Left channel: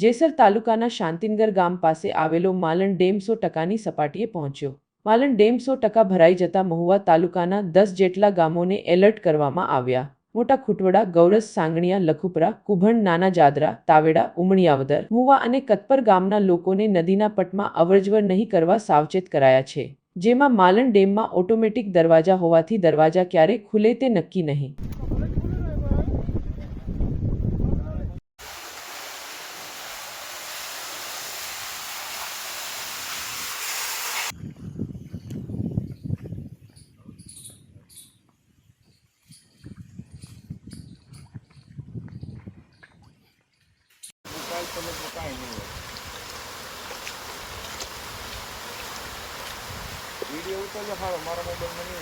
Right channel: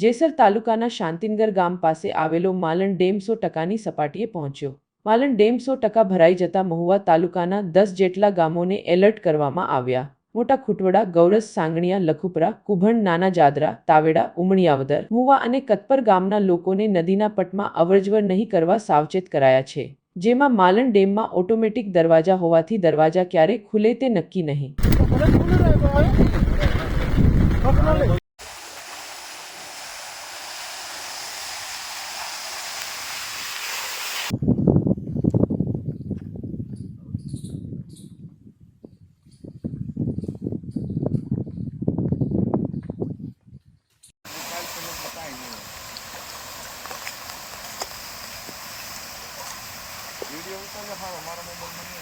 જેસર તાલુકાના શાંતિનગર ગામ પાસે આવેલો માલણ ડેમ સો ટકાની સપાટીએ પહોંચ્યો. માલણ ડેમ સો ટકા ભરાઈ જતા મહુવા તાલુકાના દસ જેટલા ગામોને એલર્ટ કરવામાં આવ્યા. મોટા ખુટવડા ગૌરસ સાંગણિયા, લખુપરા, કુભણ, નાના જાદરા, તાવેડા, ઉમણિયાવદર મુવા અને કતપર ગામના લોકોને નદીના પટમાં અવરજવર નહીં કરવા સાવચેત કરાયા છે. જેમાં માલણ ડેમમાં ઓટોમેટિક દરવાજા હોવાથી દરવાજા ક્યારે ખુલે તે નક્કી નહીં. વીડિયો ઉતાર્યો હા મારા મોબાઈલમાં નહીં